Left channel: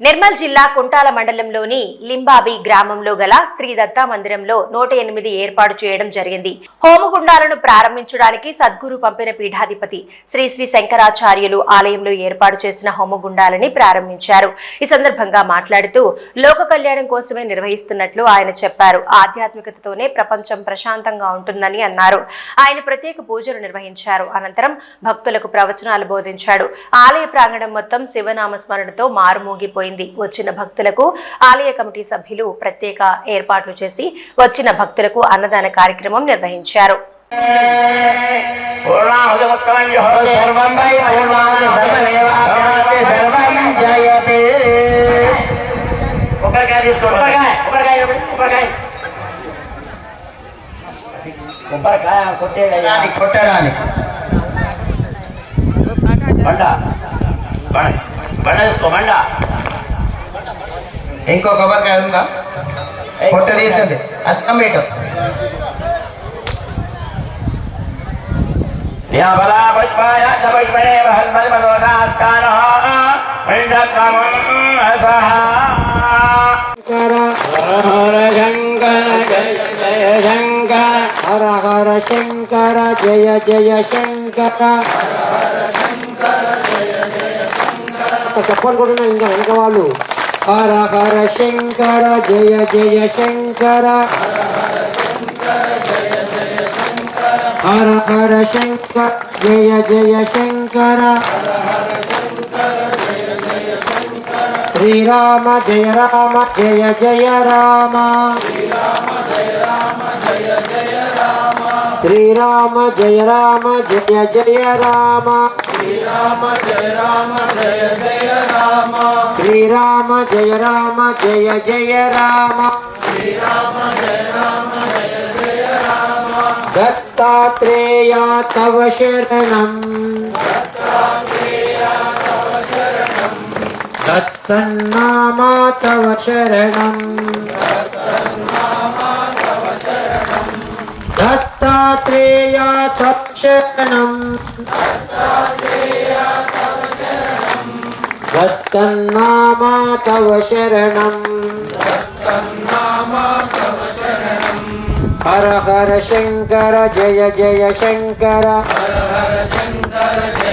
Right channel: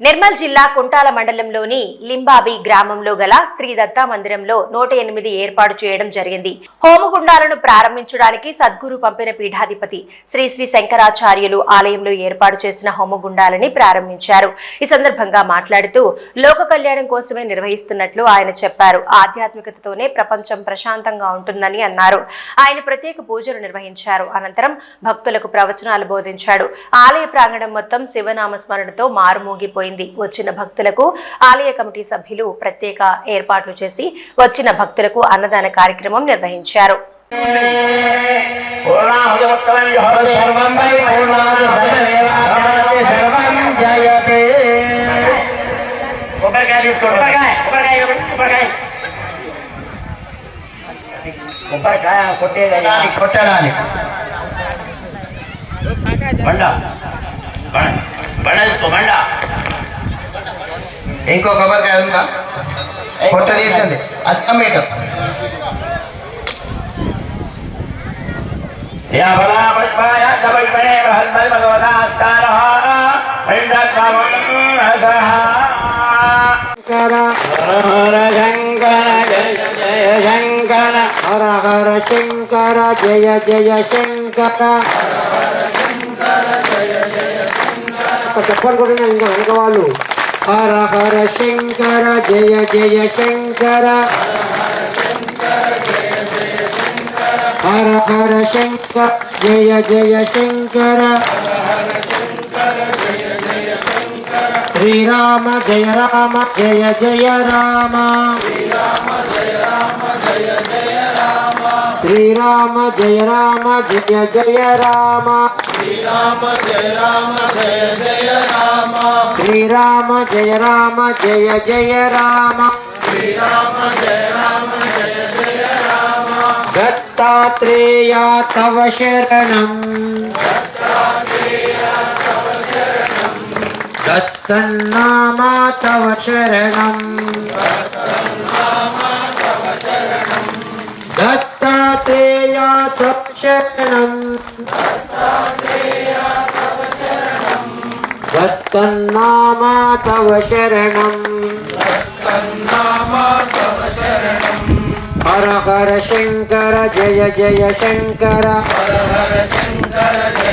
నిర్మల్ జిల్లా కుంటాల మండలంలోని లింబాబి గ్రామంలో గల శ్రీ దత్తా మందిరంలో 108 ఏర్పాటు చేయడం జరిగింది. హోమగుండాలను ప్రారంభించడానికి సద్గురు పంపిన పీఠాధిపతి శ్రీ శ్రీ శంకరాచార్యులు ఆలయంలో ఏర్పాటు చేసిన హోమగుండాలని ప్రారంభించారు. ఈ సందర్భంగా మాట్లాడుతూ లోక కళ్యాణం కోసమే నిర్వహిస్తున్నట్లు ఆయన చెప్పారు. ఆధ్యాత్మికతతోనే ప్రపంచం ప్రశాంతంగా ఉంటుందని అన్నారు. ఆయన ప్రత్యేక పూజలు నిర్వహించారు. అనంతరం భక్తులకు ప్రవచనాలు బోధించాడు. ఆలయ ప్రాంగణం మొత్తం శివనామ స్మరణతో మారుమోగిపోయింది. వచ్చిన భక్తులకు ఆలయ కమిటీ సభ్యులు ప్రత్యేక ఏర్పాట్లు చేసి వచ్చిన భక్తులకు అన్నదాన కార్యక్రమం నిర్వహించారు. ఇంకో కొబ్బరికాయ ఉందా? పొట్ట తీసండి. అది మీటర్ హర హర శంకర జయ జయ శంకర. చెప్పండి కూడా ఇంకా వెనక వాళ్ళు. హర హర శంకర జయ జయ శంకర. హర హర శంకర జయ జయ శంకర. శ్రీరామ జయ రామ జయ జయ రామ. శ్రీరామ జయ రామ జయ జయ రామ. శ్రీరామ జయ రామ జయ జయ రామ. శ్రీరామ జయ రామ జయ జయ రామ. శ్రీరామ జయ రామ జయ జయ రామ. దత్తాత్రేయ తవ శరణం. దత్తన్నామ తవ శరణం. దత్తాత్రేయ తవ శరణం. దత్తన్నామ తవ శరణం. హర హర శంకర జయ జయ శంకర. హర హర శంకర జయ